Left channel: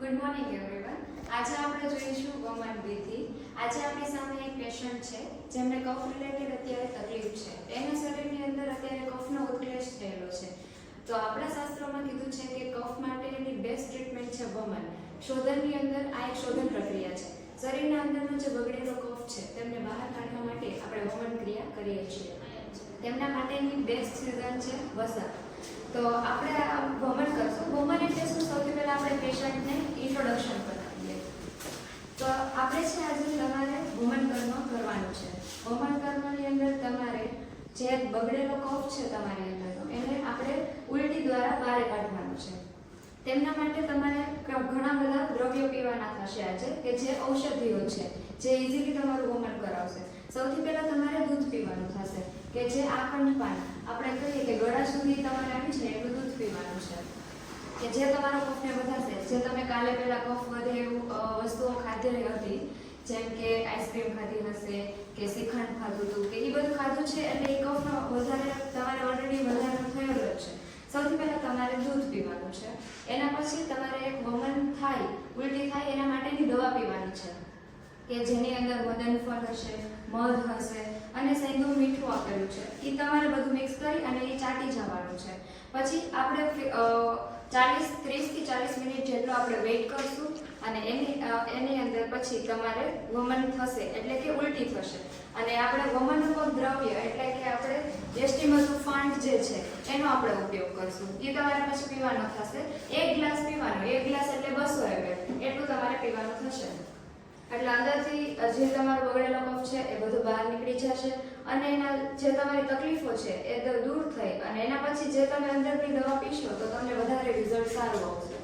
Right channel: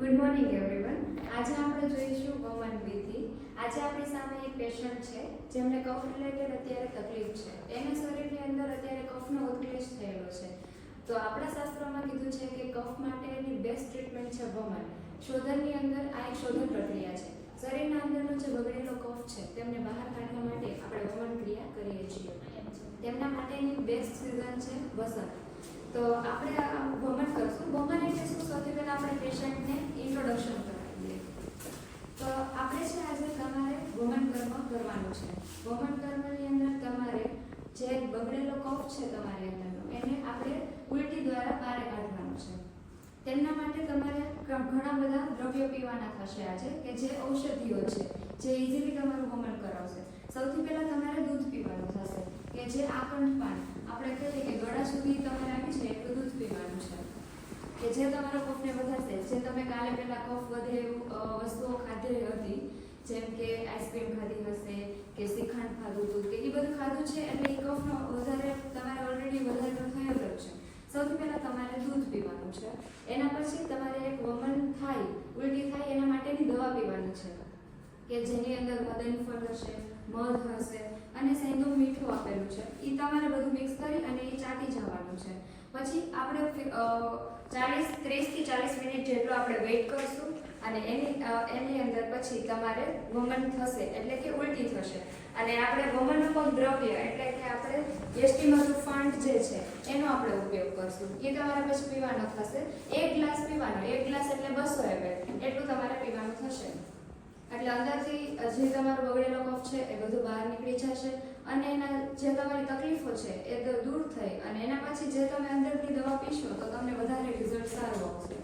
Good morning everyone. આજે આપણે જોઈશું વમન વિધિ. આજે આપણી સામે એક પેશન્ટ છે જેમને કફ રિલેટેડ અત્યારે તકલીફ છે. એના શરીરની અંદર અત્યારે કફનો ઉત્કલેશ થયેલો છે. તો આપણા શાસ્ત્રોમાં કીધું છે કે કફ માટેની બેસ્ટ ટ્રીટમેન્ટ છે વમન. શોધનની અંદર આ એક શોધન પ્રક્રિયા છે. શરીરના અંદરનો જે બગડેલો કફ છે તેમને બહાર કાઢવા માટે આપણે વમન ક્રિયા કરીએ છીએ. તેમના માટેની બેસ્ટ સિઝન છે વસંત. તો આપણે વમન કરશું. વમન એટલે શું? સૌથી પહેલા આપણે પેશન્ટને ઇન્ટ્રોડક્શન કરાવીએ. તો આપણે છે આજે તમારે વમન કર્મ કરવાનું છે. વમન કર્મની અંદર તમારે જે બગડેલો કફ છે તમારી અંદરનો એને આપણે ઉલટી દ્વારા બહાર કાઢવાનું છે. તેમના માટે તમારે ઘણા બધા દ્રવ્યો પીવાના થશે આજે કે જે ઔષધિઓ છે જે ઇઝીલી તમારું વમન કરાવશે. સૌથી પહેલા તમારે દૂધ પીવાનું થશે કે જે આખંડ પાન આપણે કહીએ કે ગળા સુધી તમારે આવી છે એટલું દૂધ પીવાનું છે કે જે તમારા કફને વધારશે. જે તમે કાલે પહેલા કફ વધે એવું વસ્તુઓ ખાધેલી હતી જેમ કે આઈસ્ક્રીમ ખાધી હશે કે શ્રીખંડ ખાધું હતું કે એ બધું ખાધું છે એટલે એ કફનો વધારે તમારે ઓલરેડી વધારો થયેલો જ છે. સૌથી પહેલાં તમારે દૂધ પીવાનું છે. એના પછી તમારે એક વમન થાય ઉલટી થાય એના માટેની દવા પીવાની છે કે જેની અંદર મદનફળ હશે, મધ હશે અને સહેંદું મીઠું આપેલું છે. એ તમારે બધું મિક્સ કરી અને એ ચાટી જવાનું છે. પછી આપણે 30 થી 40 મિનિટ જેટલો આપણે વેઇટ કરશું અને એની અંદર પછી તમારે વમન થશે એટલે કે ઉલટી થશે. અને આપણે વમનરૂપક દ્રવ્ય એટલે કે આપણે યષ્ટિમધુ ફાંડ જે છે એનો આપણે ઉપયોગ કરશું. એ તમારે પછી પીવાનો થશે. 1 ગ્લાસ પીવાનો. 1 ગ્લાસ એટલે 200 ml એટલું તમારે પીવાનું થશે. એટલે અંદરથી જે તમારો બગડેલો કફ છે એ બધું બહાર નીકળી જશે અને એના જે તમારી તકલીફો છે એ દૂર થઈ અને એના પછી જે તમે અંદરની દવા પીશો તો તમને વધારે રિઝલ્ટ સારું આવશે.